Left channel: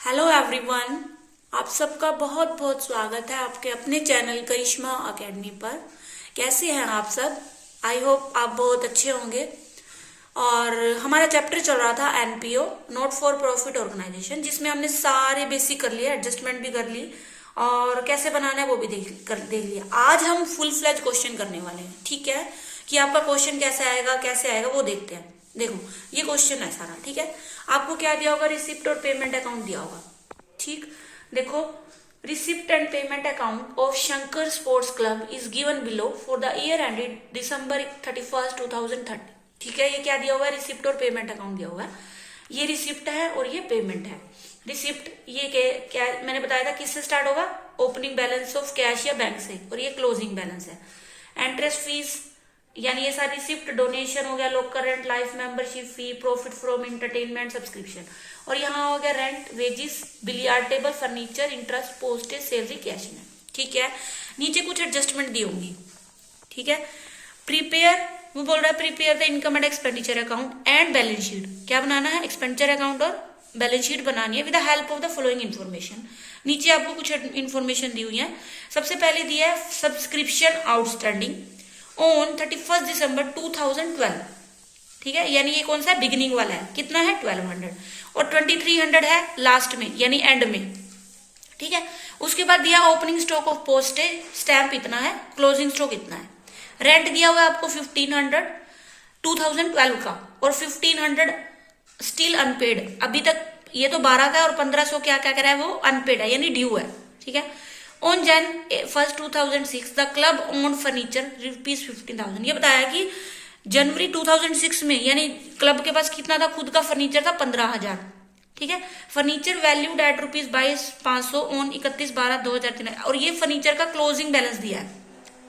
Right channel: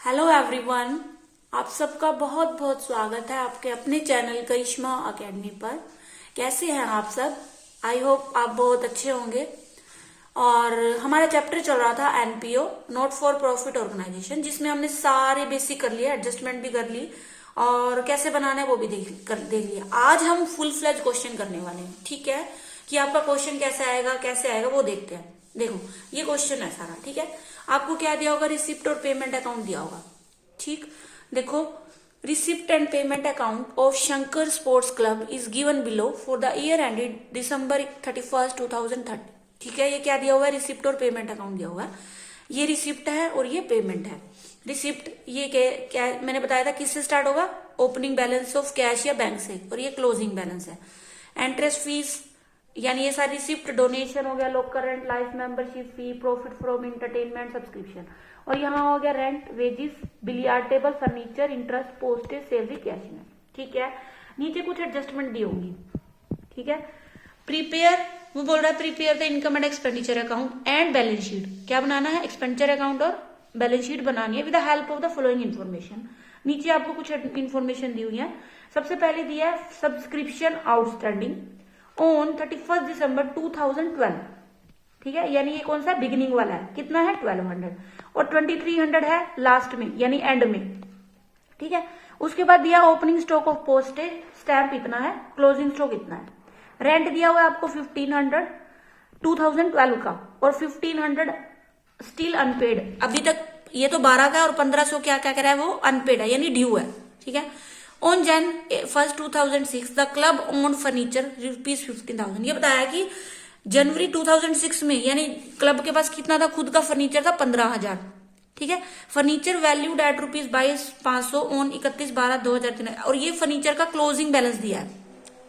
Hello everyone, आप सबका बहुत बहुत स्वागत है आपके अपने चैनल करिश्मा एकेडमी पर। कैसे हैं आप सब? आई होप आप बहुत अच्छे होंगे। और हमारा चैप्टर चल रहा था NPO, not for profit organisation, जिसमें हमने सारे बेसिक कर लिए, एडजस्टमेंट भी कर ली और कैसे बनाना है वो भी देख लिया। आज हम फुल फ्लेज क्वेश्चन करने वाले हैं, ठीक है? कि आपका क्वेश्चन कैसे आएगा वो देखते हैं। देखो, ये क्वेश्चन है सारा, ठीक है? आपको क्या दिया होगा? रिसिप्ट और पेमेंट अकाउंट दिया होगा, ठीक? देखो, receipt and payment account of Shankar sports club is given below for the year ended December 31st 2030। ठीक है, ये क्या दिया हुआ है? रिसिप्ट और पेमेंट अकाउंट दिया हुआ है। ये रिसिप्ट है और ये पेमेंट है। रिसिप्ट ये क्या मैंने बताया था, किससे स्टार्ट होगा? ओपनिंग बैलेंस ऑफ कैश या बैंक से, और ये क्लोजिंग बैलेंस है। इंटरेस्ट फीस, यानी ये सारी रिसिप्ट, डोनेशन हो गया, local rent, life membership fee, profit from entertainment, subscription. और यहाँ हो गया rent, wages, billiard table, furniture, interest, postage, salary, cash में। ठीक है, नीचे कुछ एडजस्टमेंट दी होंगी। ठीक है, प्रिपेयर, वो बोल रहा है prepare the income and expenditure account and balance sheet. क्या बनाना है? एक्सपेंडिचर अकाउंट और बैलेंस शीट बनानी है with the help of the following information. नीचे आपको कुछ इन्फॉर्मेशन दी हुई है। सबसे पहले दिया है सब्सक्रिप्शन आउटस्टैंडिंग ऑन 31 दिसंबर 2012। ठीक है, यानी ये कौन सा बिगिनिंग वाला है? कितना है? 1200। और 2300 है लास्ट में, यानी एंड में। ठीक है, उसके बाद दिया opening stock of postage stamp इतना है, क्लोजिंग स्टॉक इतना है। रेंट दिया हुआ है आपको 1500 2012 का, और 1500 स्टिल अनपेड अभी तक। ये तो 12 का, और 1500 क्या क्या करा है? वो अनपेड है, यानी ड्यू है। ठीक है, on Jan 1st 2006 the club own furniture ₹15,000। ये बताया कि जनवरी 2006 में, यानी क्लब के पास कितना था? खुद का फर्नीचर था 15,000। ठीक है, फर्नीचर वैल्यूड एट ₹22,500 ऑन 31/12/2003। और ये फर्नीचर का क्लोजिंग बैलेंस दिया है।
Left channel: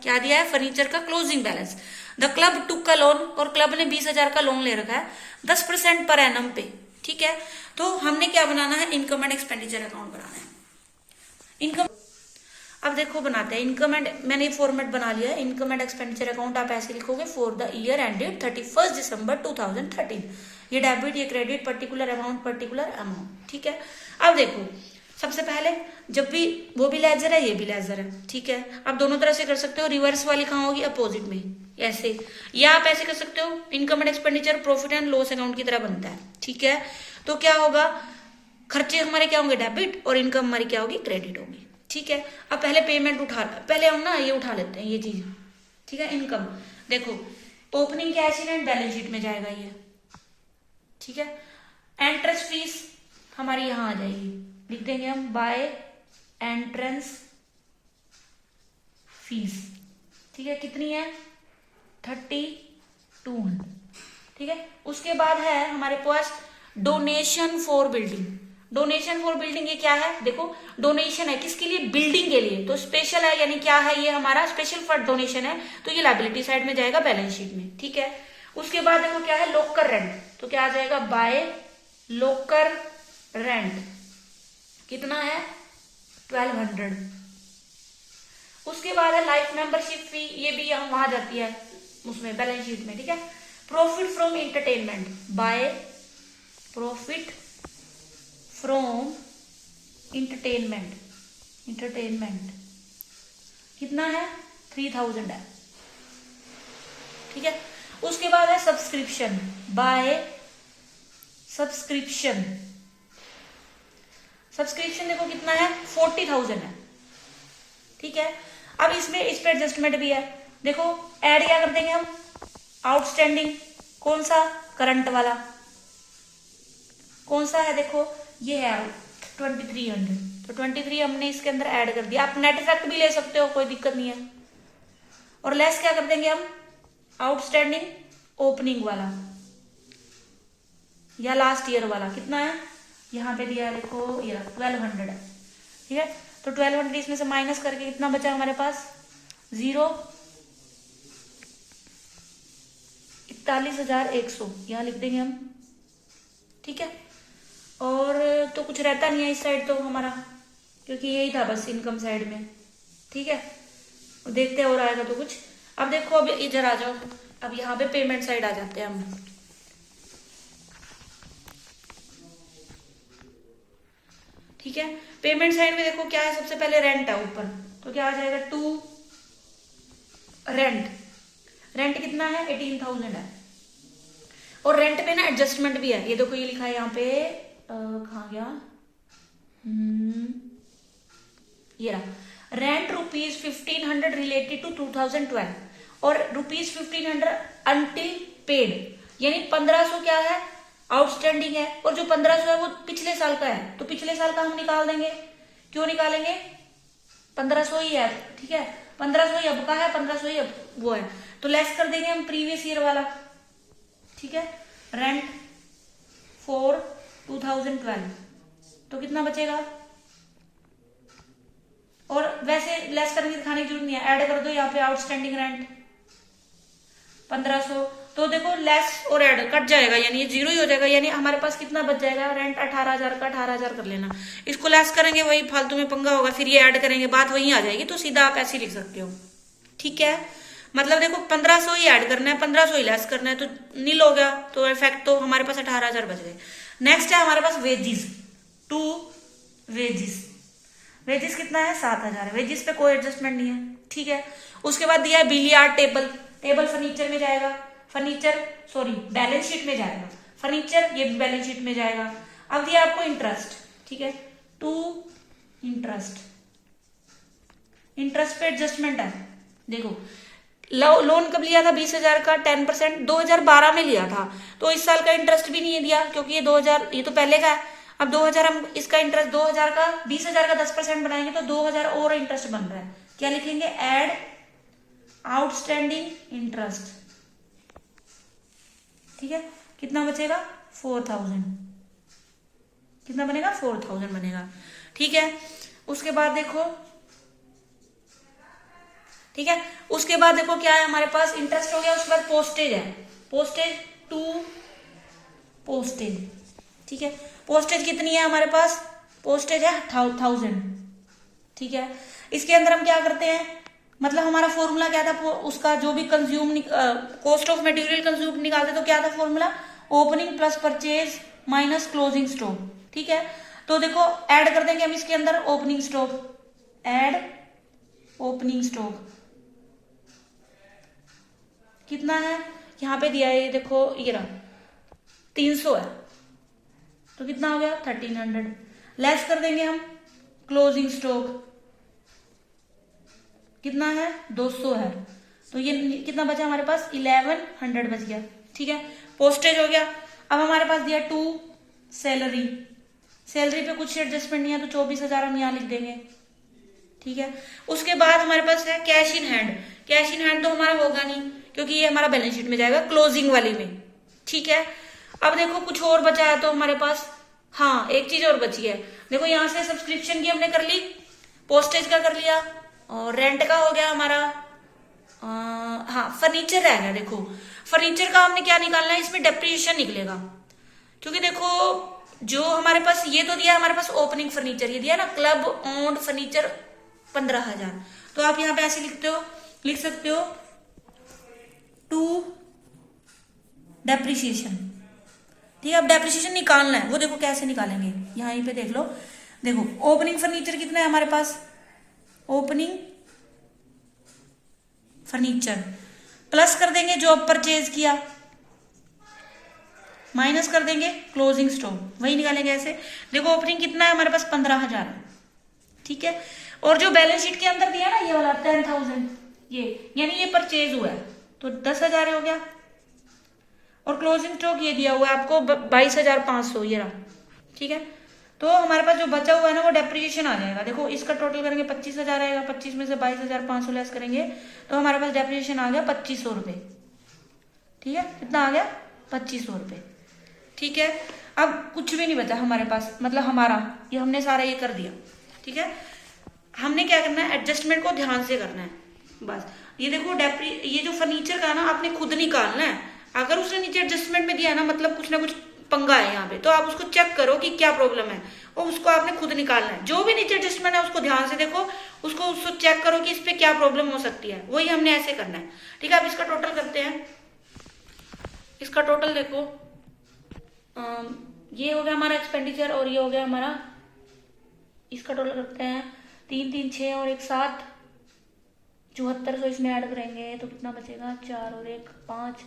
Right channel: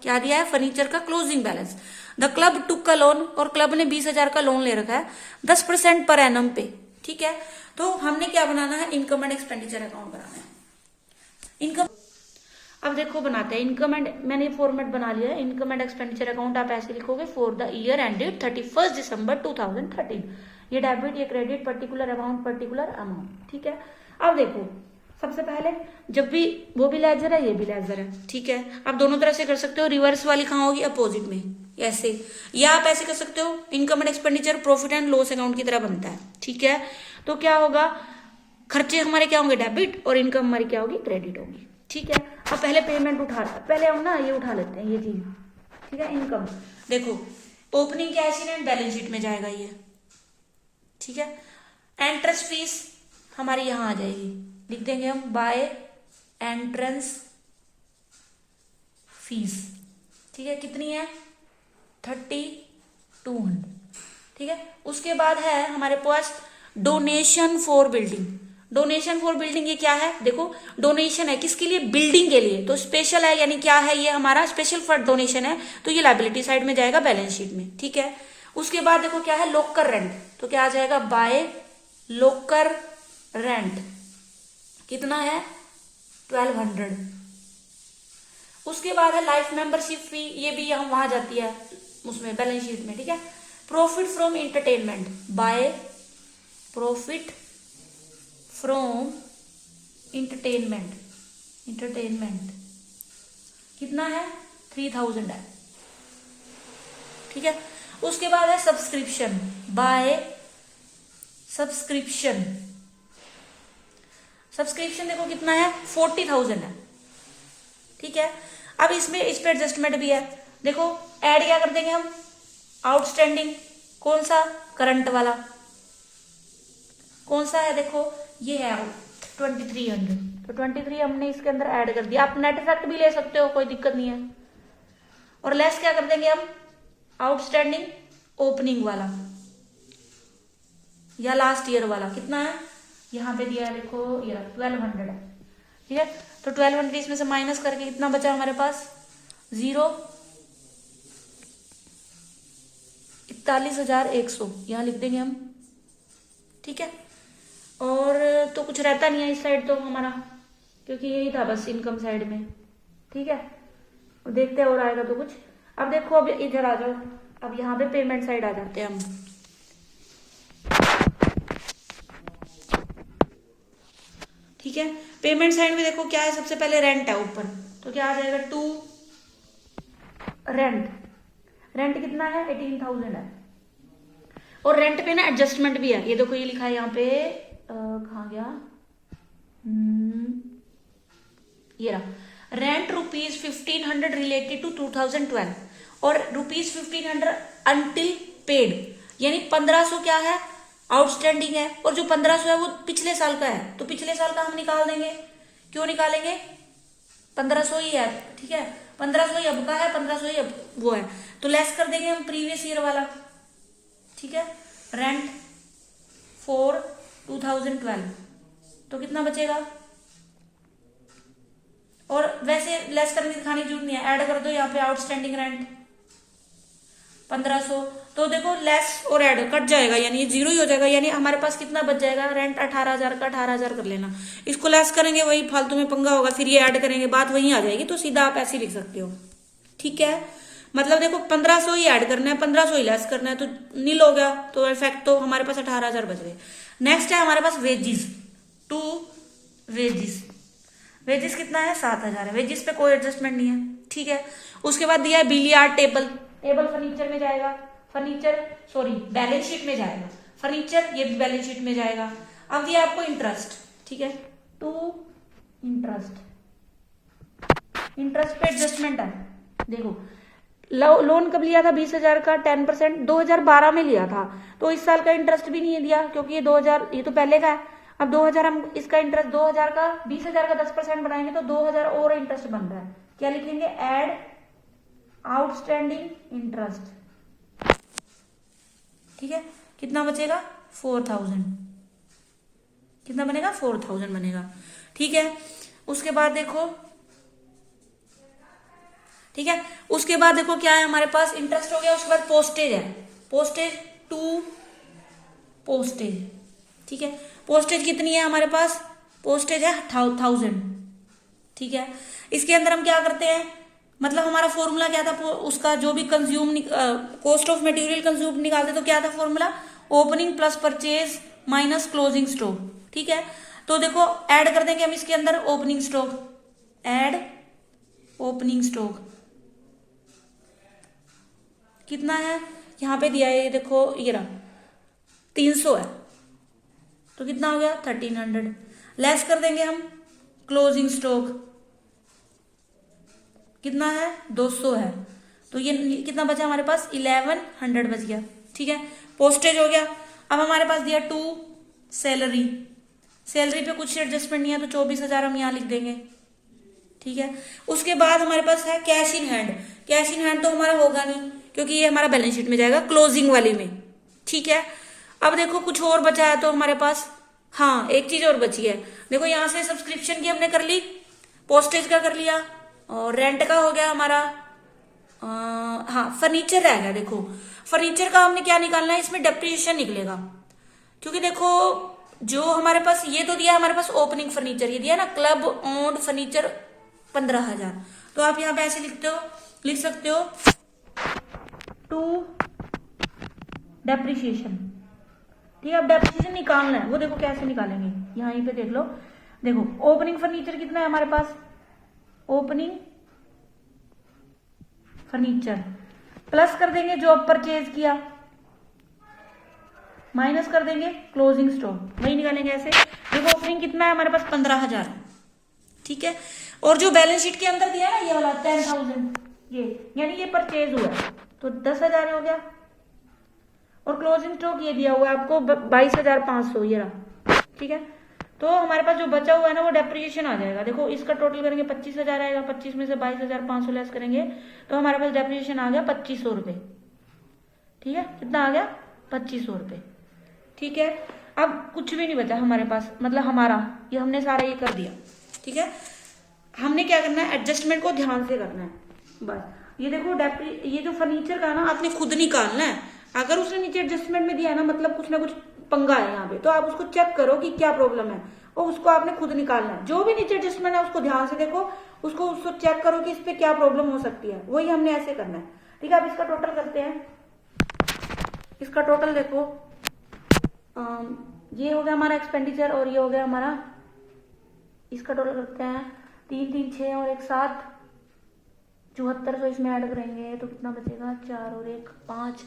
क्या दिया है? फर्नीचर का क्लोजिंग बैलेंस। द क्लब टुक का लोन, और क्लब ने 20,000 का लोन ले रखा है 10% पर एनम पे। ठीक है, तो हमने क्या बनाना है? इनकम एंड एक्सपेंडिचर अकाउंट बनाना है। इनकम, अब देखो बनाते हैं इनकम एंड, मैंने फॉर्मेट बना लिया है। इनकम एंड एक्सपेंडिचर अकाउंट आप ऐसे लिखोगे, for the year ended 31 December 2013। ये डेबिट, ये क्रेडिट, पर्टिकुलर अमाउंट। ठीक है, अब देखो, सबसे पहले जब भी वो भी लेजर है, ये भी लेजर है। ठीक है, आप दोनों तरह से कर सकते हो। रिवर्स वाली कहाँ होगी? अपोजिट में, ऐसे। या आप ऐसे कर सकते हो, income and expenditure profit and loss account की तरह बनता है। ठीक है, तो क्या होगा? खर्चे हमारे क्या होंगे? डेबिट, और इनकम हमारी क्या होगी? क्रेडिट होगी। ठीक है, अब पहले पेमेंट पहले हम ना ये उठा लेते हैं, ये चीज। ठीक है, इनकम देखो, opening cash in and balance sheet में जाएगा ये। ठीक है, एंट्रेंस फीस हमारी यहां आ जाएगी, लिख देंगे हम बाय एंट्रेंस फीस। ठीक है, कितनी है? 3200। ठीक है, उसके बाद है हमारे पास donation for building. Donation for building ये क्या है? देखो, डोनेशन है किसके लिए? बिल्डिंग के लिए, तो स्पेशल है, यानी क्या है? ये हमारा स्पेशल फंड डोनेशन है, तो ये लायबिलिटी साइड में जाएगा बैलेंस शीट में। ठीक है, उसके बाद देखो क्या है? लोकर रेंट, तो क्या आ जाएगा? बाय लोकर रेंट। कितना है? 1200। उसके बाद है लाइफ मेंबरशिप फी, ये भी हम वहां जाती है उसमें बैलेंस शीट में। ठीक है, profit from entertainment, by profit from entertainment कितना है? 3000 है। ठीक है, उसके बाद है सब्सक्रिप्शन, बाय सब्सक्रिप्शन देखो कितना है? 40,000 है। ठीक है, अब इसमें इस पे एडजस्टमेंट भी है। देखो, ऐड क्या कर देंगे हम? आउटस्टैंडिंग, कौन सा? करंट वाला। कौन सा है? देखो, ये है 2300, तो 23 हमने इसके अंदर ऐड कर दिया। आप नेट इफेक्ट भी ले सकते हो, कोई दिक्कत नहीं है। और लेस क्या कर देंगे हम? आउटस्टैंडिंग ओपनिंग वाला या लास्ट ईयर वाला। कितना है? यहाँ पे दिया, देखो, ये 1200 है। ठीक है, तो 1200 इसमें से माइनस करके कितना बचा हमारे पास? 41,100 यहाँ लिख देंगे हम। ठीक है, और तो कुछ रहता नहीं है इस साइड तो हमारा, क्योंकि यही था बस इनकम साइड में। ठीक है, देखते हैं और आएगा तो कुछ। अब देखो, अब इधर आ जाओ, अब यहाँ पे पेमेंट साइड आ जाते हैं हम। ठीक है। पेमेंट साइड में देखो क्या है, सबसे पहले रेंट है ऊपर, तो क्या आ जाएगा, टू रेंट। रेंट कितना है, 18,000 है। और रेंट पे ना एडजस्टमेंट भी है, ये देखो ये लिखा है यहाँ पे, कहाँ गया, ये रहा, रेंट ₹1500 रिलेटेड टू 2012 और ₹1500 अंटिल पेड, यानी 1500 क्या है, आउटस्टैंडिंग है, और जो 1500 है वो पिछले साल का है, तो पिछले साल का हम निकाल देंगे। क्यों निकालेंगे, 1500 ही है, ठीक है, 1500 ही अब का है, 1500 ही अब वो है, तो लेस कर देंगे हम प्रीवियस ईयर वाला, ठीक है। रेंट फॉर 2012, तो कितना बचेगा, और वैसे लेस करके दिखाने की जरूरत नहीं है, ऐड कर दो यहाँ पे आउटस्टैंडिंग रेंट 1500, तो देखो लेस और ऐड कट जाएगा, यानी ये जीरो ही हो जाएगा, यानी हमारे पास कितना बच जाएगा, रेंट 18,000 का 18,000 कर लेना, इसको लेस करेंगे वही फालतू में पंगा होगा, फिर ये ऐड करेंगे बात वही आ जाएगी, तो सीधा आप ऐसे लिख सकते हो, ठीक है। मतलब देखो 1500 ही ऐड करना है, 1500 ही लेस करना है, तो नील हो गया, तो इफेक्ट तो हमारे पास 18,000 बच गए। नेक्स्ट है हमारे पास वेजिस, टू वेजिस, वेजिस कितना है, 7,000 है, वेजिस पे कोई एडजस्टमेंट नहीं है, ठीक है। उसके बाद दिया है बिलियार्ड टेबल, टेबल फर्नीचर में जाएगा, फर्नीचर सॉरी बैलेंस शीट में जाएगा, फर्नीचर ये भी बैलेंस शीट में जाएगा। अब दिया आपको इंटरेस्ट, ठीक है, टू इंटरेस्ट, इंटरेस्ट पे एडजस्टमेंट है, देखो लोन कब लिया था, 20,000 का 10%, 2012 में लिया था, तो इस साल का इंटरेस्ट भी नहीं दिया, क्योंकि ये 2000 ये तो पहले का है, अब 2000 हम इसका इंटरेस्ट 2000 का 20,000 का 10% बनाएंगे, तो 2000 और इंटरेस्ट बन रहा है, क्या लिखेंगे, एड आउटस्टैंडिंग इंटरेस्ट, ठीक है। कितना बचेगा, 4,000, कितना बनेगा, 4,000 बनेगा, ठीक है। उसके बाद देखो, ठीक है, उसके बाद देखो क्या है हमारे पास, इंटरेस्ट हो गया, उसके बाद पोस्टेज है, पोस्टेज टू पोस्टेज, ठीक है। पोस्टेज कितनी है हमारे पास, पोस्टेज है 1,000, ठीक है। इसके अंदर हम क्या करते हैं, मतलब हमारा फॉर्मूला क्या था, उसका जो भी consume cost of material consume निकालते तो क्या था formula, opening plus purchase minus closing stock, ठीक है। तो देखो ऐड कर देंगे हम इसके अंदर opening stock, add opening stock कितना है, यहां पे दिया है, देखो ये रहा 300 है, तो कितना हो गया 1,300, लेस कर देंगे हम क्लोजिंग स्टॉक, कितना है 200 है, तो ये कितना बचा हमारे पास, 1,100 बच गया, ठीक है। पोस्टेज हो गया। अब हमारे पास दिया टू सैलरी, सैलरी पे कुछ एडजस्टमेंट नहीं है, तो 24,000 हम यहाँ लिख देंगे, ठीक है। उसके बाद हमारे पास है cash in hand, cash in hand तो हमारा होगा नहीं, क्योंकि ये हमारा बैलेंस शीट में जाएगा क्लोजिंग वाली में, ठीक है। अब देखो कुछ और बचा है तो हमारे पास, हाँ एक चीज और बची है, देखो यहाँ से सब्सक्रिप्शन की हमने कर ली, पोस्टेज का कर लिया, और रेंट का हो गया हमारा, हाँ फर्नीचर रह गया। देखो फर्नीचर का हमने क्या निकालना है, इसमें डेप्रिसिएशन निकलेगा, क्योंकि देखो जो हमारे पास ये तो दिया हमारे पास ओपनिंग फर्नीचर, ये दिया ना क्लब ओन्ड फर्नीचर 15,000, तो आप यहाँ पे ऐसे लिख सकते हो टू डेप्रिसिएशन, ठीक है। अब डेप्रिसिएशन निकालना है, वो देखो कैसे निकालेंगे, यहाँ पे देख लो, देखो ओपनिंग फर्नीचर कितना है हमारे पास, ओपनिंग फर्नीचर प्लस कर देंगे जो अब परचेज किया, माइनस कर देंगे क्लोजिंग स्टॉक, वही निकालेंगे ऐसे। देखो ओपनिंग कितना है हमारे पास 15,000, ठीक है, और जो बैलेंस शीट के अंदर दिया ना ये वाला 10,000, ये यानी ये परचेज हुआ तो 10,000 हो गया, और क्लोजिंग स्टॉक ये दिया हुआ है आपको 22,500, ये रहा, ठीक है। तो हमारे पास जो बचा हुआ है ना वो डेप्रिसिएशन आ जाएगा, देखो इसका टोटल करेंगे 25,000 आएगा, 25 में से 22,500 लेस करेंगे तो हमारे पास डेप्रिसिएशन आ गया 2,500 रुपये, ठीक है। कितना आ गया 2,500 रुपये, ठीक है। अब कुछ भी नहीं बचा हमारे पास, मतलब हमारा ये हमने सारा ये कर दिया, ठीक है। हमने क्या करना है, एडजस्टमेंट को ध्यान से करना है बस। ये देखो ये जो फर्नीचर का ना आपने खुद निकालना है, अगर उसने नीचे एडजस्टमेंट में दिया ना मतलब कुछ ना कुछ पंगा है यहाँ पे, तो आप उसको चेक करो कि क्या प्रॉब्लम है और उसको आपने खुद निकालना है। जो भी नीचे एडजस्टमेंट है उसको ध्यान से देखो, उसको चेक करो कि इस पे क्या प्रॉब्लम हो सकती है, वही हमने ऐसे करना है, ठीक है। अब इसका टोटल करते हैं, इसका टोटल देखो ये हो गया हमारा एक्सपेंडिचर और ये हो गया हमारा इसका टोटल करते हैं 3 3 6 और 1 7, 7400 इसमें ऐड करेंगे तो कितना बचेगा, 4 और 1 5,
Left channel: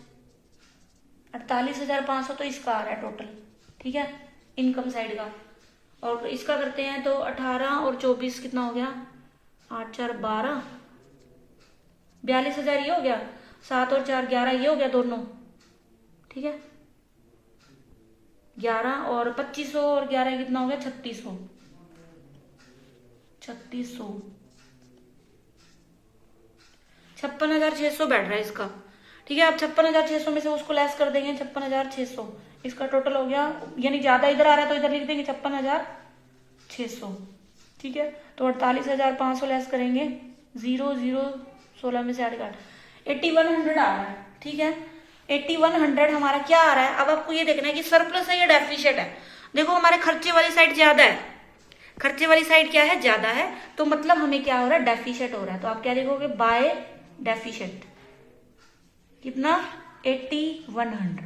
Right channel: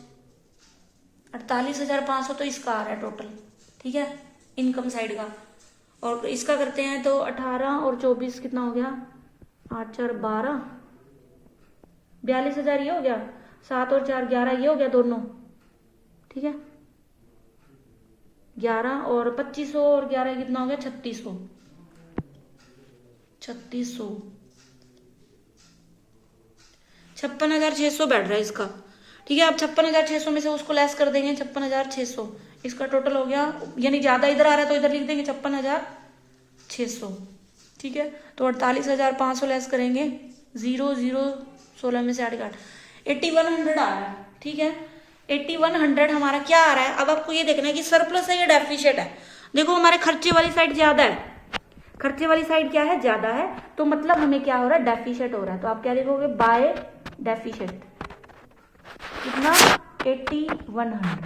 48,500 तो इसका आ रहा है टोटल। ठीक है, इनकम साइड का। और इसका करते हैं तो 18 और 24 कितना हो गया, 8 4 12, 42,000 ये हो गया, 7 और 4 11 ये हो गया दोनों। ठीक है, 11 और 2500 और 11 कितना हो गया, 3600। 56,600 बैठ रहा है इसका। ठीक है, आप 56,600 में से उसको लेस कर देंगे 56,600, इसका टोटल हो गया, यानी ज्यादा इधर आ रहा है तो इधर लिख देंगे 56,600। ठीक है, तो 48,500 लेस करेंगे, 0 0 16 में से 8 काट, 8100 आ रहा है। ठीक है, 8100 हमारा क्या आ रहा है। अब आपको ये देखना है कि सरप्लस है या डेफिशिएट है। देखो हमारे खर्चे वाली साइड ज्यादा है, खर्चे वाली साइड क्या है, ज्यादा है, तो मतलब हमें क्या हो रहा है, डेफिशिएट हो रहा है। तो आप क्या देखोगे, बाय डेफिशिएट कितना, 8100,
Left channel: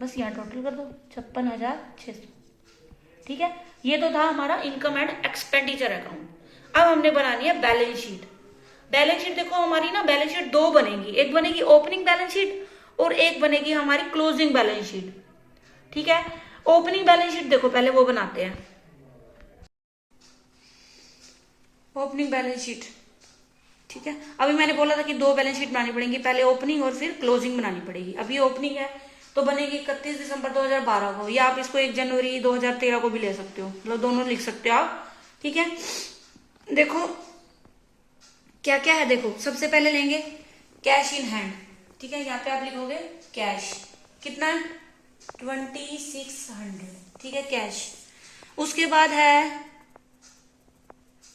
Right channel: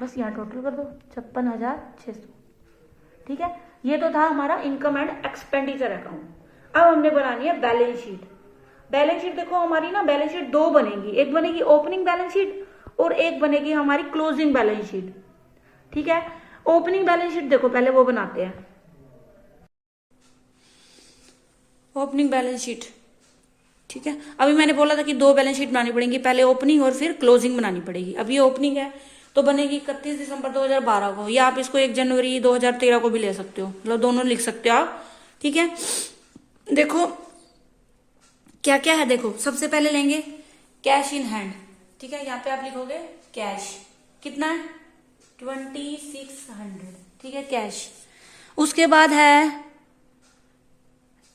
बस यहाँ टोटल कर दो 56,600। ठीक है, ये तो था हमारा इनकम एंड एक्सपेंडिचर अकाउंट। अब हमने बनानी है बैलेंस शीट। बैलेंस शीट देखो हमारी ना, बैलेंस शीट दो बनेगी, एक बनेगी ओपनिंग बैलेंस शीट और एक बनेगी हमारी क्लोजिंग बैलेंस शीट। ठीक है, ओपनिंग बैलेंस शीट देखो पहले वो बनाते हैं, ओपनिंग बैलेंस शीट। ठीक है, अभी मैंने बोला था कि दो बैलेंस शीट बनानी पड़ेगी, पहले ओपनिंग और फिर क्लोजिंग बनानी पड़ेगी। अब ये ओपनिंग है तो बनेगी 31 दिसंबर 2012 को, या आप इसको 1 जनवरी 2013 को भी ले सकते हो, मतलब दोनों लिख सकते हो आप। ठीक है, देखो क्या क्या है, देखो सबसे पहले लेंगे कैश इन हैंड। ठीक है, यहाँ पे आप लिखोगे कैश, कितना है 2600। ठीक है, कैश। उसके बाद है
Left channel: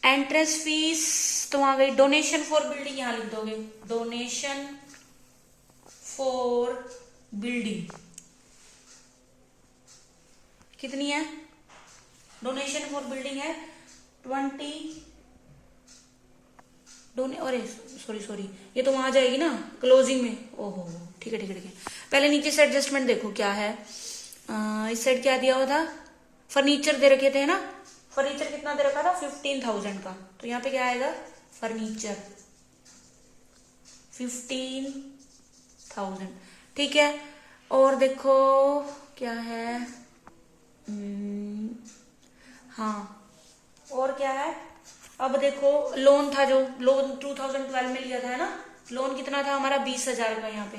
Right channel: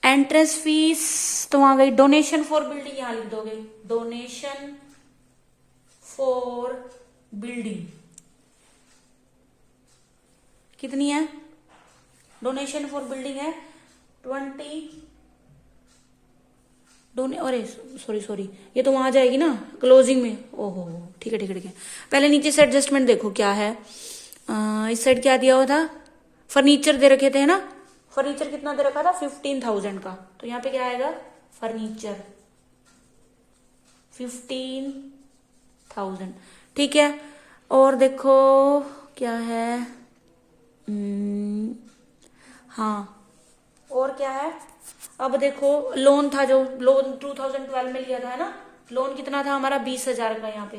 एंट्रेंस फीस, तो वहां गई डोनेशन फॉर बिल्डिंग, यहां लिख दोगे डोनेशन फॉर बिल्डिंग, कितनी है, डोनेशन फॉर बिल्डिंग है 20, अरे सॉरी ये तो वहां जाएगी ना क्लोजिंग में, ओहो ठीक है ठीक है ठीक है। पहले नीचे से एडजस्टमेंट देखो क्या है, इस साइड क्या दिया हुआ था, फर्नीचर दे रखे थे ना, फर्नीचर कितना दे रखा था 15,000 का, तो यहाँ पे क्या आएगा फर्नीचर 15,000। ठीक है, और देखो क्या है, हाँ और क्या है, अब देखो लोन था, जो लोन 2012 में लिया था ना, लोन कितना था हमारा 20,000 का यहाँ पे।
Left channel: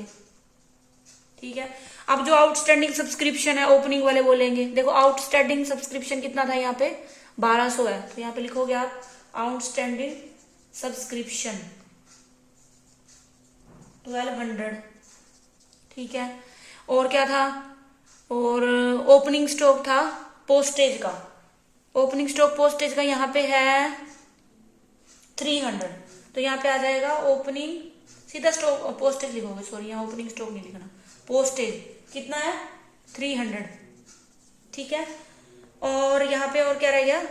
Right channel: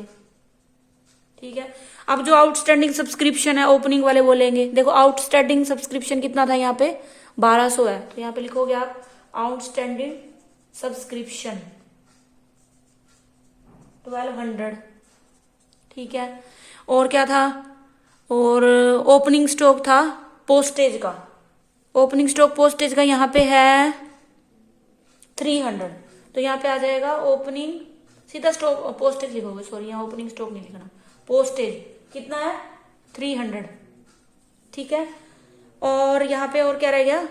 ठीक है, अब जो आउटस्टैंडिंग सब्सक्रिप्शन है ओपनिंग वाले बोलेंगे, देखो आउटस्टैंडिंग सब्सक्रिप्शन कितना था यहाँ पे 1200 है, तो यहाँ पे लिखोगे आप आउटस्टैंडिंग सब्सक्रिप्शन 1200। ठीक है, और क्या था, और ओपनिंग स्टॉक था पोस्टेज का, ओपनिंग स्टॉक पोस्टेज का यहाँ पे है 300, तो यहाँ पे आ जाएगा ओपनिंग, सीधा स्टॉक पोस्टेज लिखोगे, सॉरी यहाँ ओपनिंग स्टॉक नहीं लिखना, पोस्टेज कितना है 300। ठीक है, और यहाँ पे और क्या रह गया,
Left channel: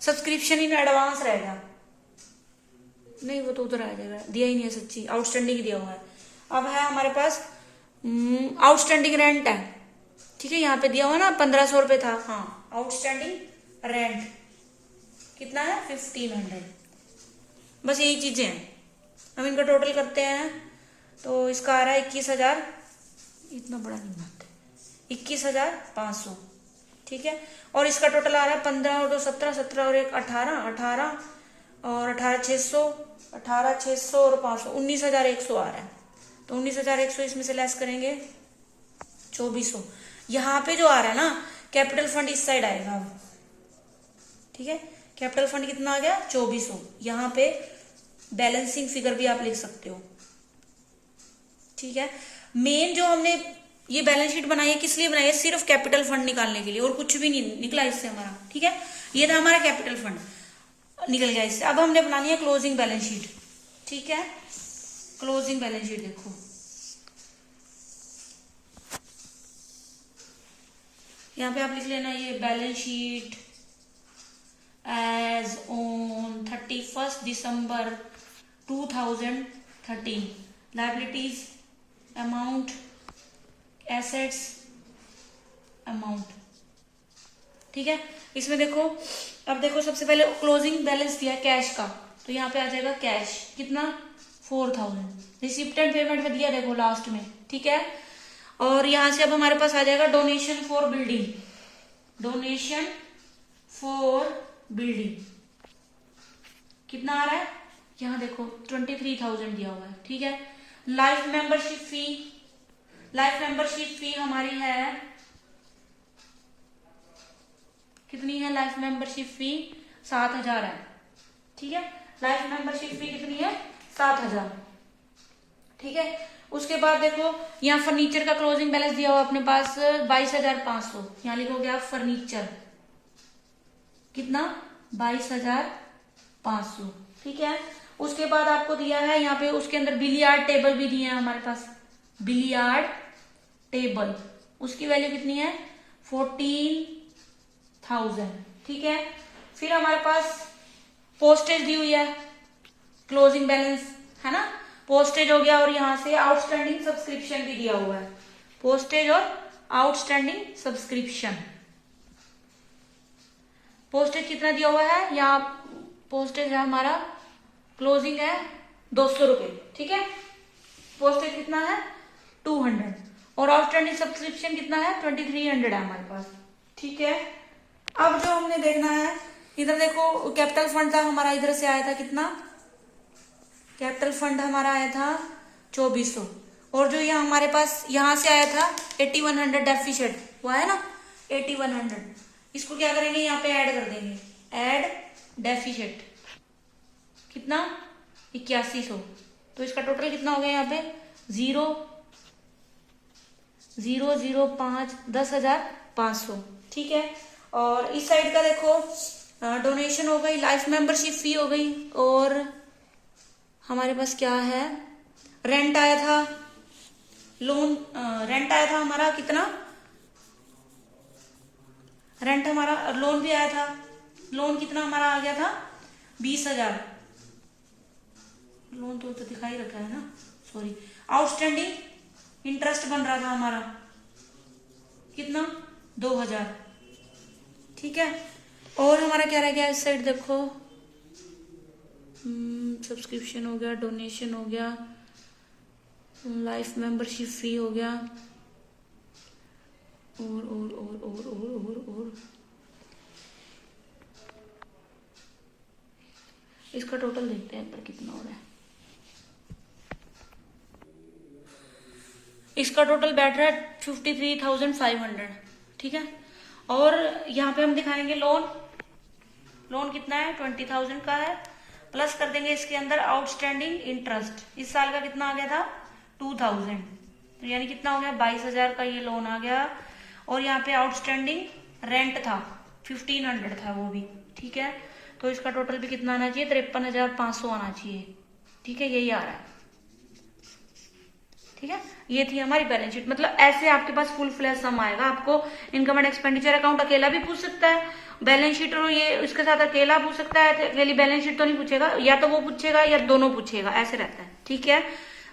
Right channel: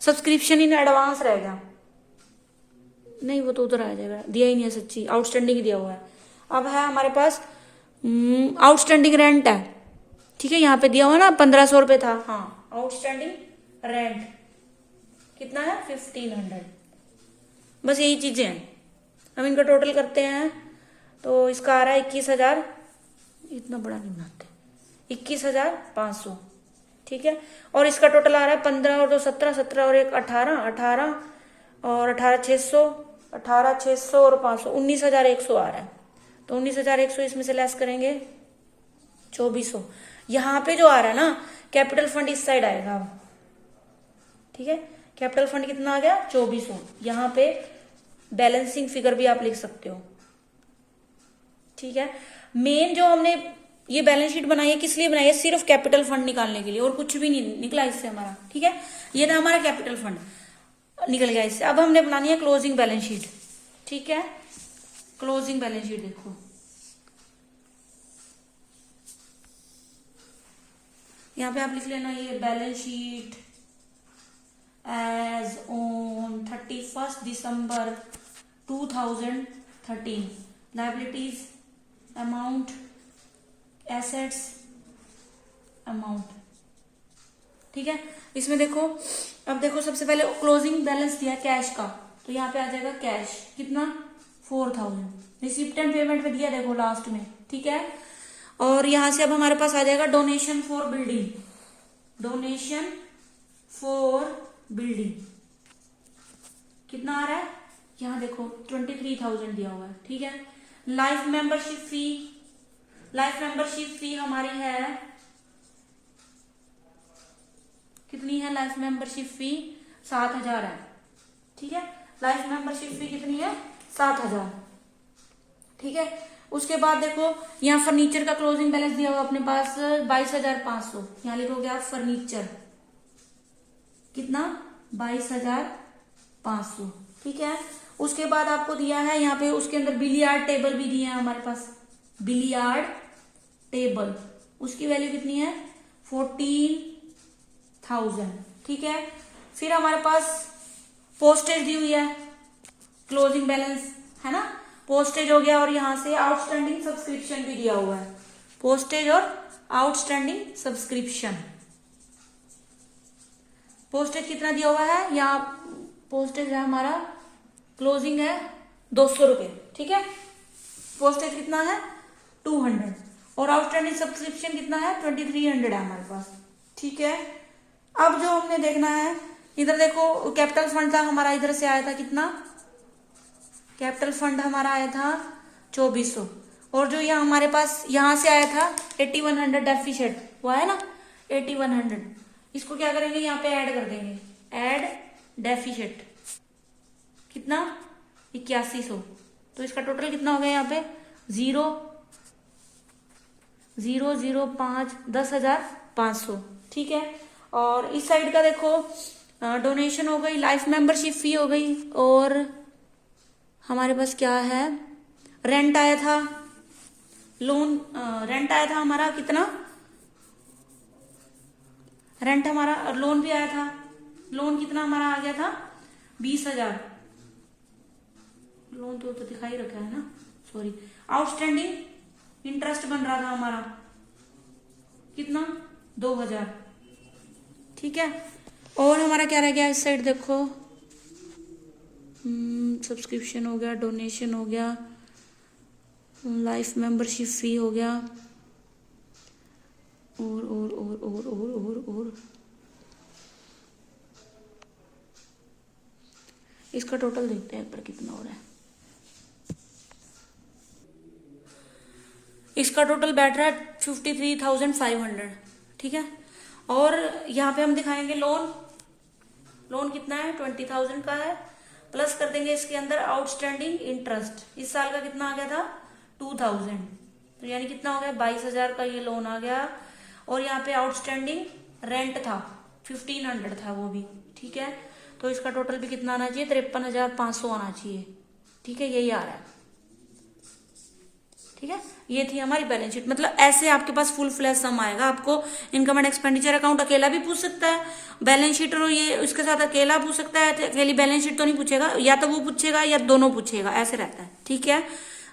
सब्सक्रिप्शन इन एडवांस रह गया, नहीं वो तो उधर आ जाएगा, दिया ही नहीं है सच्ची, आउटस्टैंडिंग दिया हुआ है। अब है हमारे पास आउटस्टैंडिंग रेंट है। ठीक है, यहाँ पे दिया हुआ ना 1500 रुपये था, हाँ आउटस्टैंडिंग रेंट कितना है 1500, बस यही चीजें हैं। अब इनका टोटल करते हैं तो इसका आ रहा है 21,000, इतना बड़ा नहीं बनाते, 21,500। ठीक है, और इसका टोटल आ रहा है 15 और 2 17, 17 और 1 18, 18 और 18,600, 18,600 और 500, 19,100 आ रहा है। तो 19,100 इसमें से लेस करेंगे 2,400, यहाँ पे जो आ रहा है ना कैपिटल फंड इस साइड आएगा। ठीक है, कैपिटल फंड कितना आ गया 2,400, यहाँ पे बैलेंसिंग फिगर भी आप लिख सकते हो। ठीक है, मेन जो हमने ये बैलेंस शीट बनाई है किस लिए बनाई है, सिर्फ कैपिटल फंड निकालने के लिए, और कुछ भी नहीं निकला इससे हमारा। ठीक है, ये था हमारा कैपिटल फंड निकल गया इससे। अब हमने बनानी है क्लोजिंग बैलेंस शीट। ठीक है, क्लोजिंग बैलेंस शीट देखो, यहाँ पे आप लिख लेना ये balance sheet as on 31 December 2013, liabilities amount, assets amount. ठीक है। इसमें देखो, अब देखो सबसे पहले क्लोजिंग बैलेंस दिया कैश का, तो यहाँ पे आ जाएगा कैश कितना 4000, रिसिप्ट एंड पेमेंट में दिया देखो लास्ट में, ठीक है। और यहां से अब हमारे पास आ जाएगा donation for building, donation for building कितना आ रहा है, यहाँ देखो 23,000 दिया हुआ है, ठीक है। लाइफ मेंबरशिप फी, लाइफ मेंबरशिप फी हमारी है कितनी है, लाइफ मेंबरशिप फी 7,000 है, ठीक है। लाइफ मेंबरशिप फी कितनी है 7,000, ठीक है। उसके बाद देखो यहाँ फर्नीचर का क्लोजिंग बैलेंस दिया हुआ अपने पास 22,500, यहाँ लिखोगे आप फर्नीचर कितना 22,500, ठीक है। उसके बाद आपको दिया है यहाँ पे, उसके अंदर बिलियार्ड टेबल भी दिए हैं हमारे पास, बिलियार्ड टेबल उसकी वैल्यू कितनी है 14,000, ठीक है। फिर हमारे पास पोस्टेज दी हुई है, क्लोजिंग बैलेंस है ना, पोस्टेज हो गया, और यहां से आउटस्टैंडिंग सब्सक्रिप्शन भी दिया हुआ है, पोस्टेज और आउटस्टैंडिंग सब्सक्रिप्शन। पोस्टेज कितना दिया हुआ है, यहाँ पोस्टेज है हमारा क्लोजिंग है 200 रुपए, ठीक है। पोस्टेज कितना है 200, और आउटस्टैंडिंग सब्सक्रिप्शन कितना है 2300 है हमारे पास, ठीक है। अब जो हमने देखना है, इधर देखो कैपिटल फंड था हमारा, इधर से आया था कितना, कैपिटल फंड हमारा आया था 2400, और जो ये हमारे पास यहां से आया था 8100 डेफिशिएंट वो है ना 8100, इसको क्या करेंगे यहाँ पे ऐड कर देंगे, ऐड डेफिशिएंट कितना 8100, तो इसका टोटल कितना हो गया यहाँ पे 0,005 10,500, ठीक है। और इस साइड का देखो डोनेशन हो गई, लाइफ मेंबरशिप फी हो गई, और हमारे पास क्या है रेंट आया था, लोन रेंट आया था हमारा कितना, रेंट हमारा, लोन भी आया था, लोन कितना हमारा आ गया था 20,000, लोन तो दिखाई रखा है ना, सॉरी। आउटस्टैंडिंग इंटरेस्ट बन रहा था हमारा कितना 2,000, ठीक है। और हमारा क्या रह गया इस साइड देखो, सब्सक्रिप्शन हो गया, डोनेशन हो गया, लाइफ मेंबरशिप फी हो गया, और इसका टोटल देखते हैं पर कितना हो रहा है, इसका टोटल बैठ रहा है 53,500, ठीक है। और यहाँ पे हम दिखाएंगे लोन, लोन कितना है 20,000 का है, प्लस कर देंगे इसके अंदर आउटस्टैंडिंग इंटरेस्ट, इस साल का कितना आ गया था 2,000, तो यानी कितना हो गया 22,000 का ये लोन आ गया। और यहाँ पे आउटस्टैंडिंग रेंट था 1,500 था वो भी, ठीक है। तो इसका टोटल भी कितना आना चाहिए 53,500 आना चाहिए, ठीक है, यही आ रहा है, ठीक है। ये थी हमारी बैलेंस शीट, मतलब ऐसे आपके पास फुल फ्लैश सम आएगा। आपको इनकम एंड एक्सपेंडिचर अकाउंट अकेला भी पूछ सकता है, बैलेंस शीट और ये उसके साथ अकेला पूछ सकता है, अकेली बैलेंस शीट तो नहीं पूछेगा, या तो वो पूछेगा या दोनों पूछेगा, ऐसे रहता है, ठीक है।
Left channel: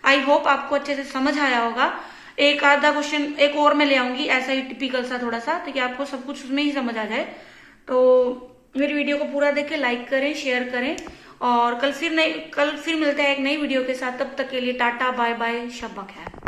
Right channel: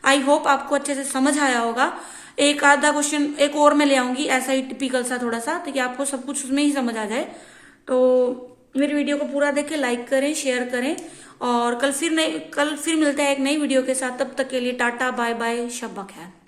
आई होप आपको अच्छे से समझ आया होगा। एक आधा क्वेश्चन एक और मैं ले आऊंगी ऐसा ही टिपिकल सा थोड़ा सा, ताकि आपको सब कुछ उसमें ही समझ आ जाए। तो मेरी वीडियो को पूरा देखें, लाइक करें, शेयर करें, और कल फिर मिलते हैं एक नई वीडियो के साथ। तब तक के लिए टाटा बाय बाय, शब्बा खैर।